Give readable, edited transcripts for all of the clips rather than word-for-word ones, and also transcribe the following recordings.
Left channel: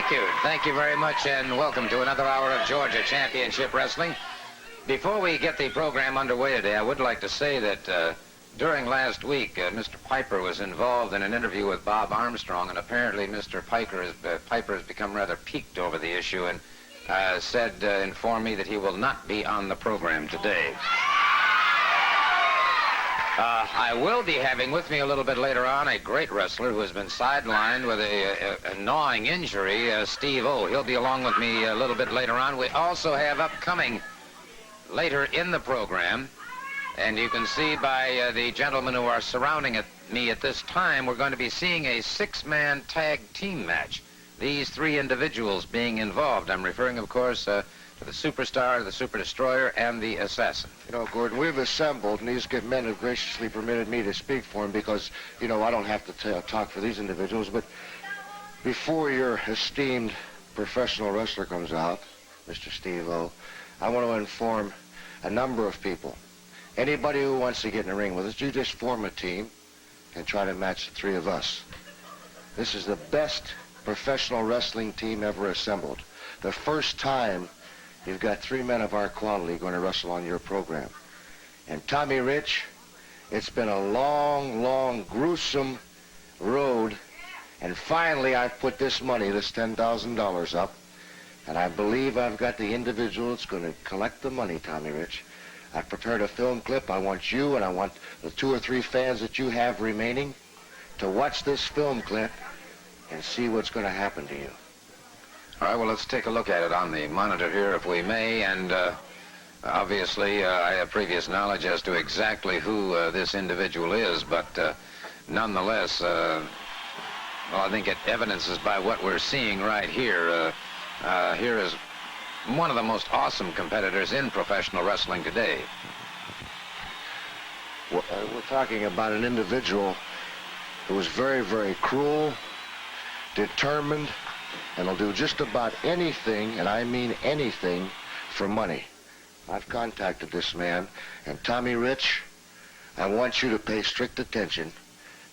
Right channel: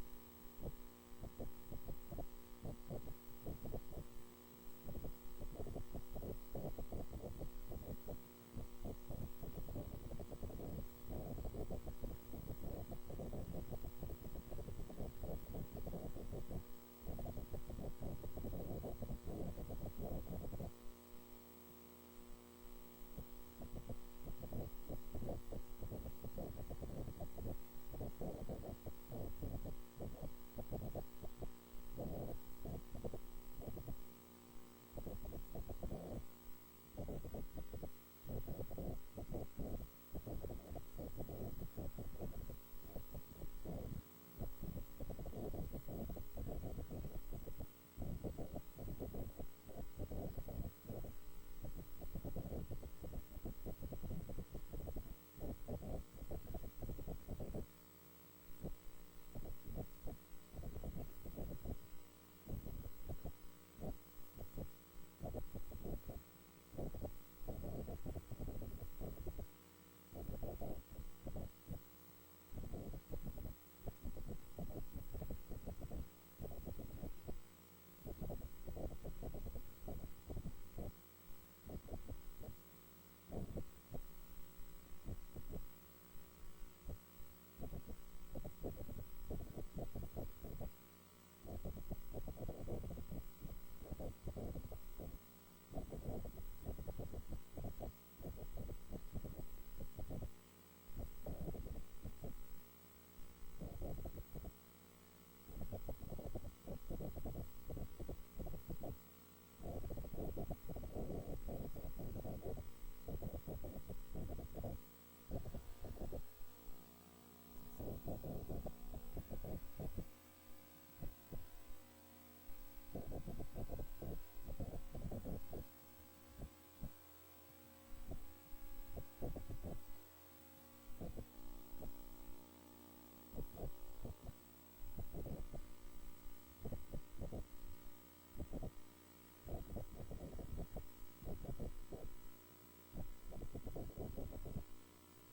Thank you. Thank you very much, and welcome to another hour of Georgia Championship Wrestling. Before we get the program underway today, I would like to say that during last week, Mr. Piper was involved in an interview with Bob Armstrong, and apparently Mr. Piper has become rather piqued over the issue and informed me that he will not be on the program today. I will be having with me a little bit later on a great wrestler who has been sidelined with a gnawing injury, Steve O. He'll be along with me a little bit later on. We also have upcoming later in the program, and you can see by the gentlemen who are surrounding me at this time, we're going to be seeing a six-man tag team match. These three individuals being involved. I'm referring, of course, to the Superstar, the Super Destroyer, and the Assassin. You know, Gordon, we've assembled, and these good men have graciously permitted me to speak for them because, you know, I don't have to talk for these individuals, but before your esteemed professional wrestler comes out, Mr. Steve O, I want to inform a number of people. Anybody who wants to get in the ring with us, you just form a team and try to match the three of us. This is the best professional wrestling team ever assembled. The first time you've got three men of our quality going to wrestle on your program. And Tommy Rich, it's been a long, long, gruesome road, and finally I've put this money, this $10,000 up, and I believe I've got the individual that's going to collect the money, Tommy Rich. I've prepared a film clip. I want you and I want the 2 or 3 fans that you have remaining to watch this film clip and see what's going to happen to you. All right, well, let's take a look at it on the monitor here, if we may, and obviously I have previous knowledge as to exactly who this individual is, but nonetheless, well, I think it evidences by what we're seeing right here. Here is one of the most awesome competitors in professional wrestling today. We're talking about an individual who is very, very cruel, determined, and will do just about anything, and I mean anything, for money. I've contacted this man, and Tommy Rich, I want you to pay strict attention.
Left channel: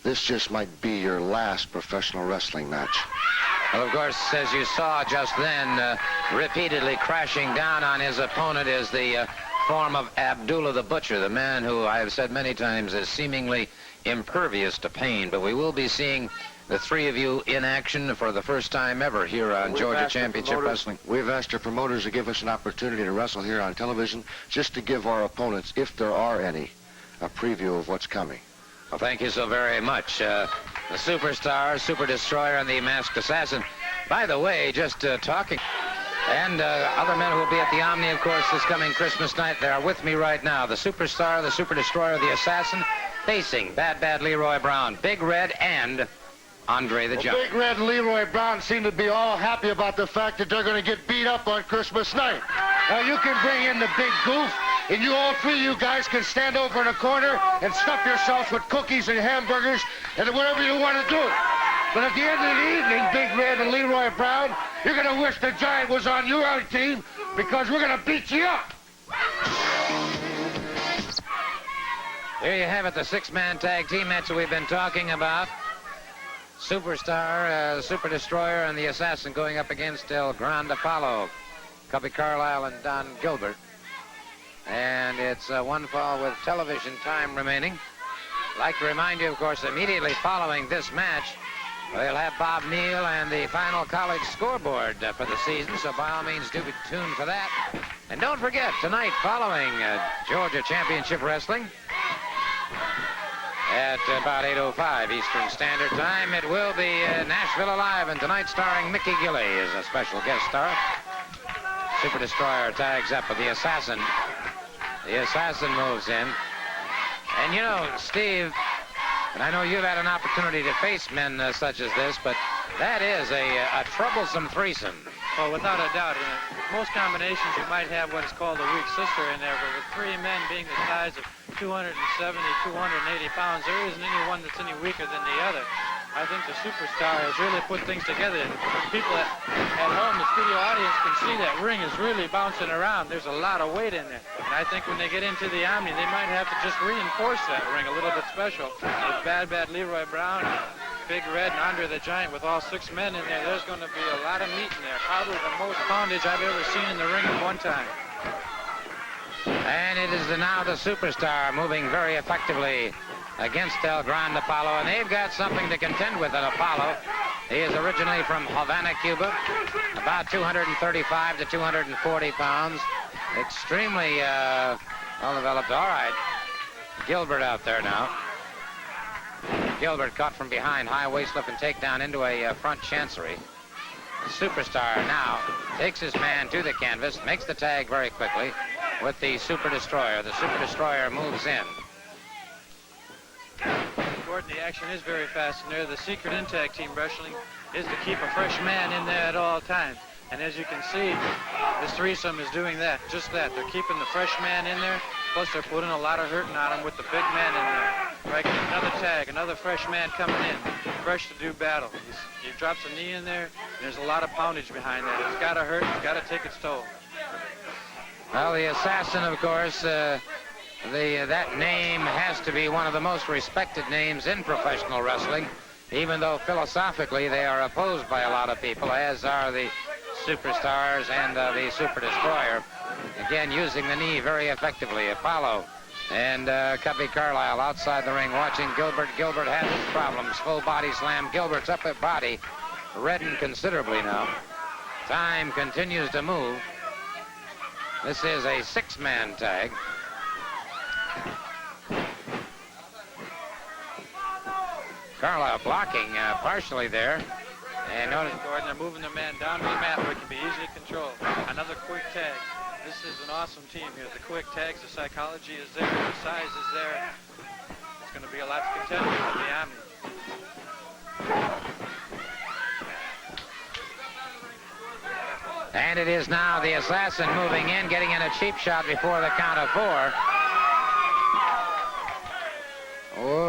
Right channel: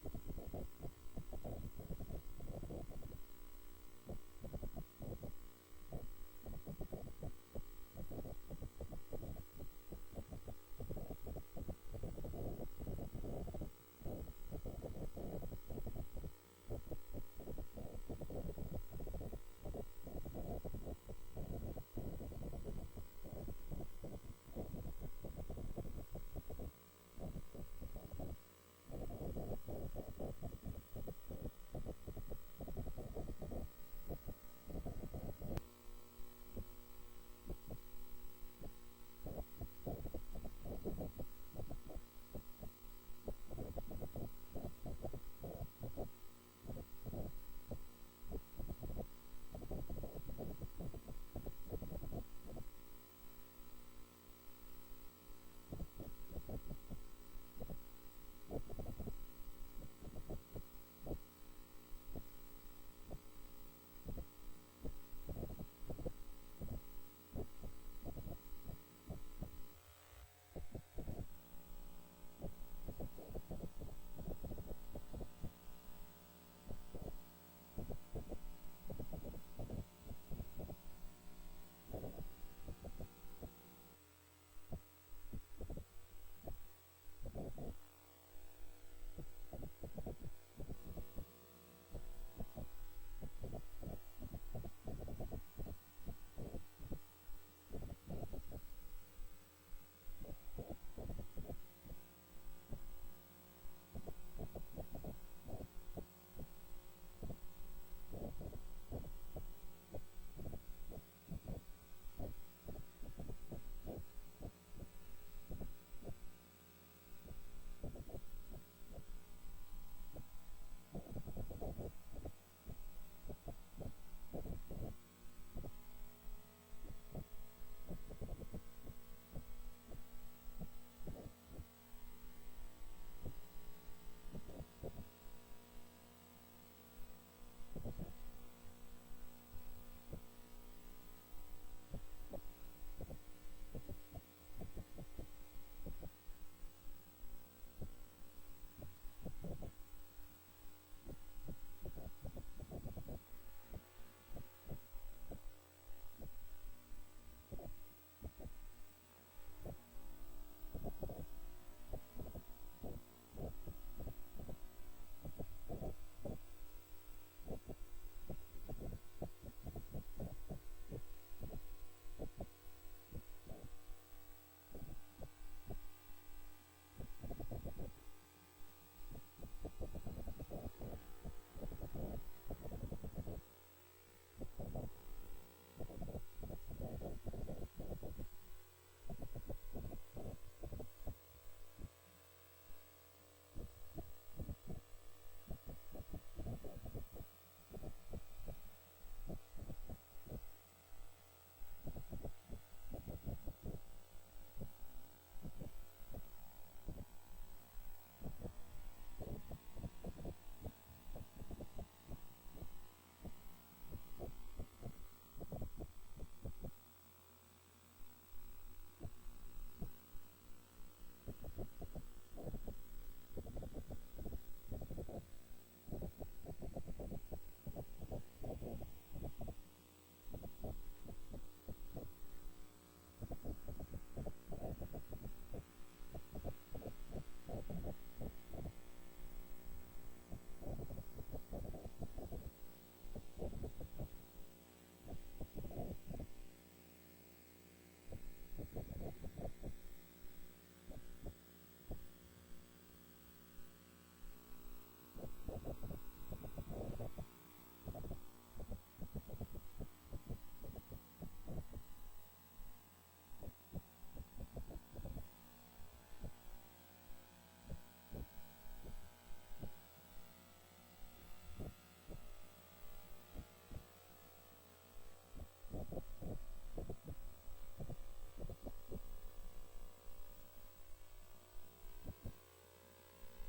This just might be your last professional wrestling match. Well, of course, as you saw just then, repeatedly crashing down on his opponent is the form of Abdullah the Butcher, the man who I have said many times is seemingly impervious to pain. But we will be seeing the three of you in action for the first time ever here on Georgia Championship Wrestling. We've asked our promoters to give us an opportunity to wrestle here on television, just to give our opponents, if there are any, a preview of what's coming. Well, thank you so very much. The Superstar, Super Destroyer, and the Masked Assassin. By the way, just talking, and other men who will be at the Omni, of course, this coming Christmas night. They are with me right now. The Superstar, the Super Destroyer, the Assassin, facing Bad Leroy Brown, Big Red, and Andre the Giant. Big Red and Leroy Brown seem to be all happy about the fact that they're going to get beat up on Christmas night. Now, you can bring in the big goof, and you all three, you guys, can stand over in a corner and stuff yourselves with cookies and hamburgers and whatever you want to do. But at the end of the evening, Big Red and Leroy Brown, you're going to wish the Giant was on your own team because we're going to beat you up. Here you have it, the six-man tag team match that we've been talking about. Superstar, Super Destroyer, and the Assassin going up against El Grande Apollo, Cubby Carlile, and Don Gilbert. And it's one fall with television time remaining. I'd like to remind you, of course, immediately following this match, we'll have Bob Neal and the final college scoreboard for the season, so by all means do be tuned for that. And don't forget, tonight following Georgia Championship Wrestling, at about 8:05 Eastern Standard Time, it will be Nashville Alive, and tonight starring Mickey Gilley as a special guest star. Super Destroyer tags up with the Assassin. The Assassin moves in. And you know, Steve, and I know you've had an opportunity to face men such as this, but that is a troublesome threesome. Well, without a doubt. In most combinations, you might have what's called a weak sister in there, but with three men being the size of 270, 280 pounds, there isn't any one that's any weaker than the other. I think the Superstar has really put things together. People at home, the studio audience, can see that ring is really bouncing around. There's a lot of weight in there. And I think when they get into the Omni, they might have to just reinforce that ring a little bit special. With Bad Leroy Brown Big Red and Andre the Giant with all 6 men in there, there's going to be a lot of meat in there. Probably the most poundage I've ever seen in the ring at one time. And it is now the Superstar moving very effectively against El Grande Apollo, and they've got something to contend with at Apollo. He is originally from Havana, Cuba, about 235 to 240 pounds. Extremely well developed. All right, Gilbert out there now. Gilbert caught from behind, high waist lift and takedown into a front chancery. The Superstar now takes his man to the canvas, makes the tag very quickly with the Super Destroyer. The Super Destroyer moves in. Gordon, the action is very fast in there. The secret in tag team wrestling is to keep a fresh man in there at all times. And as you can see, this threesome is doing that, just that. They're keeping the fresh man in there, plus they're putting a lot of hurting on him with the big man in there. Right, another tag, another fresh man coming in, fresh to do battle. He drops a knee in there, and there's a lot of poundage behind that. It's got to hurt, it's got to take its toll. Well, the Assassin, of course, that name has to be one of the most respected names in professional wrestling, even though philosophically they are opposed by a lot of people, as are the Superstars and the Super Destroyer. Again, using the knee very effectively. Apollo and Cubby Carlile outside the ring watching Gilbert. Gilbert has his problems. Full body slam. Gilbert's upper body reddened considerably now. Time continues to move. This is a 6-man tag. Carlile blocking partially there. And notice, Gordon, they're moving their man down to the mat where it can be easily controlled. Another quick tag. This is an awesome team here. The quick tags, the psychology is there, the size is there. It's going to be a lot to contend with in the Omni. and it is now the Assassin moving in, getting in a cheap shot before the count of 4.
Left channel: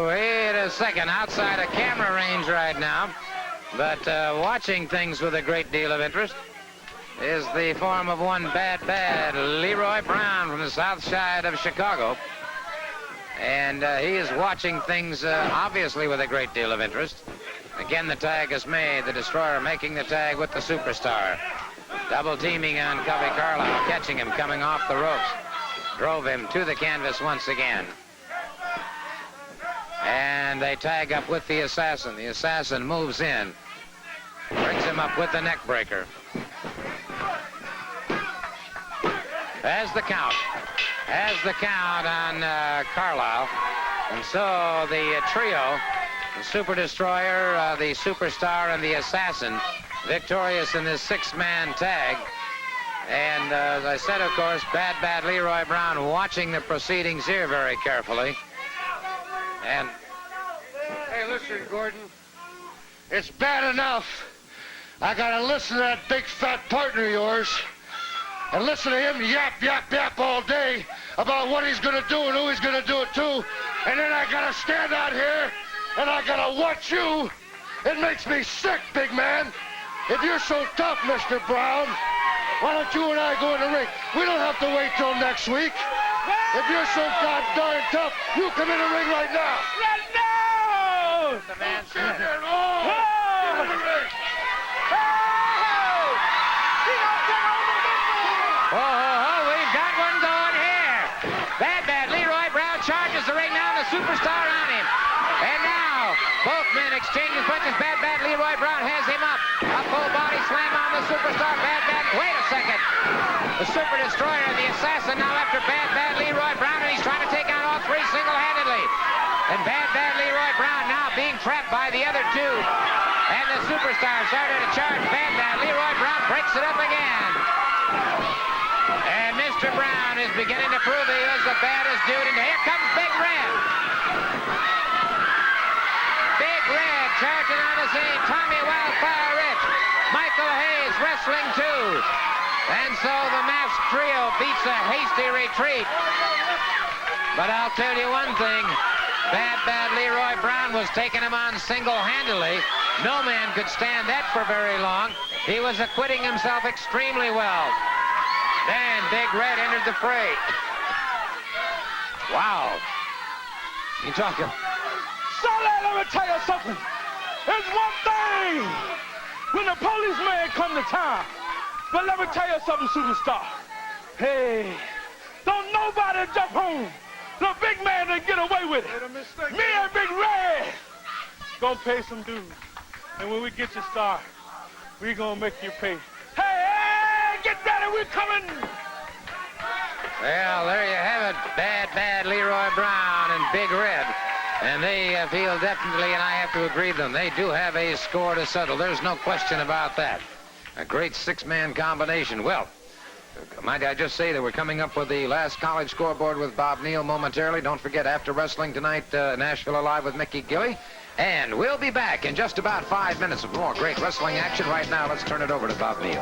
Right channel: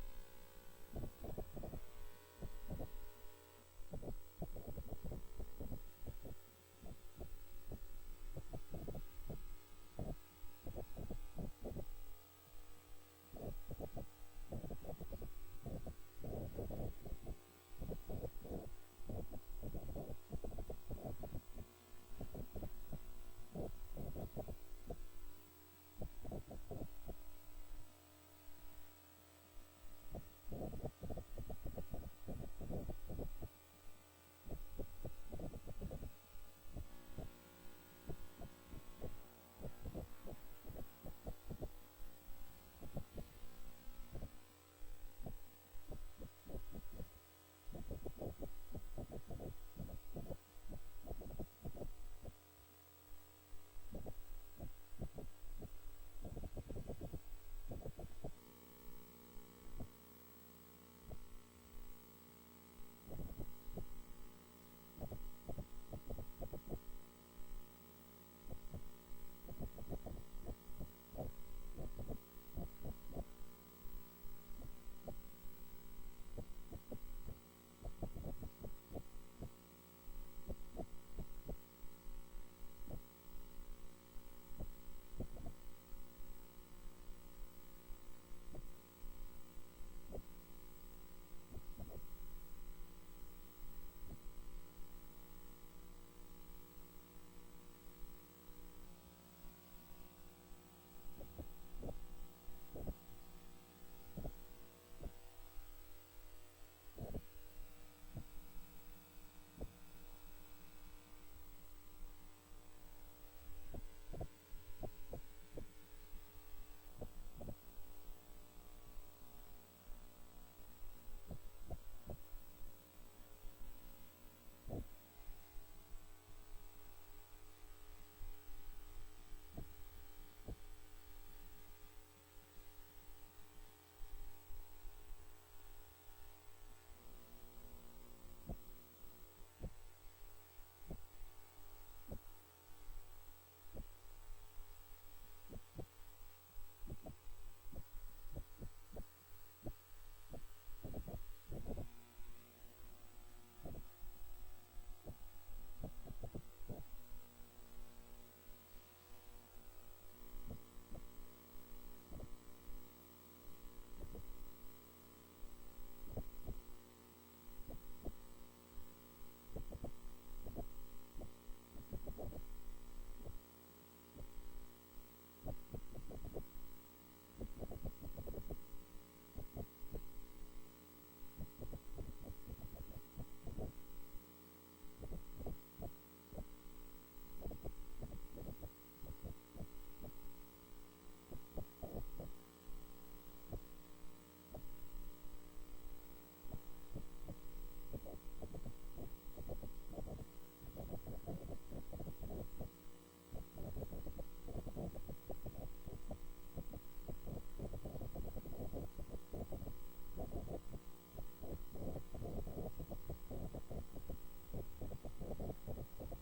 Wait a second, outside of camera range right now, but watching things with a great deal of interest is the form of one bad Leroy Brown from the south side of Chicago. And he is watching things obviously with a great deal of interest. Again, the tag is made, the Destroyer making the tag with the Superstar. Double teaming on Cubby Carlile, catching him coming off the ropes. Drove him to the canvas once again. And they tag up with the Assassin. The Assassin moves in. Brings him up with the neck breaker. Has the count. Has the count on Carlile. And so the trio, the Super Destroyer, the Superstar, and the Assassin, victorious in this 6-man tag. And as I said, of course, bad Leroy Brown watching the proceedings here very carefully. And hey, listen, Gordon. It's bad enough. I gotta listen to that big fat partner of yours and listen to him yap all day about what he's gonna do and who he's gonna do it to. And then I gotta stand out here and I gotta watch you. It makes me sick, big man. If you're so tough, Mr. Brown, why don't you and I go in the ring? We don't have to wait till next week. If you're so goddamn tough, you come in the ring right now. No! The man said, oh, we've got one going here. Bad Leroy Brown charges the ring now, and the Superstar on him. And now, both men exchanging punches. Bad Leroy Brown has him up. A full body slam on the Superstar. Wait a second. The Super Destroyer and the Assassin now after bad Leroy Brown, and he's trying to take on all three single-handedly. And bad Leroy Brown now being trapped by the other two. And the Superstar started to charge bad Leroy Brown, breaks it up again. And Mr. Brown is beginning to prove he is the baddest dude. And here comes Big Red. Big Red charging on the scene. Tommy Wildfire Rich. Michael Hayes wrestling too. And so the masked trio beats a hasty retreat. But I'll tell you one thing. Bad Leroy Brown was taking him on single-handedly. No man could stand that for very long. He was acquitting himself extremely well. Then Big Red entered the fray. Wow. You talking? Sonny, let me tell you something. It's one thing when the policeman come to town. But let me tell you something, superstar. Hey, don't nobody jump home. The big man didn't get away with it. Me and Big Red gonna pay some dues. And when we get you started, we gonna make you pay. Hey, get ready, we're coming. Well, there you have it. Bad Leroy Brown and Big Red. And they feel definitely, and I have to agree with them, they do have a score to settle. There's no question about that. A great six-man combination. Well, might I just say that we're coming up with the last college scoreboard with Bob Neal momentarily. Don't forget, after wrestling tonight, Nashville Alive with Mickey Gilley. And we'll be back in just about 5 minutes with more great wrestling action. Right now, let's turn it over to Bob Neal.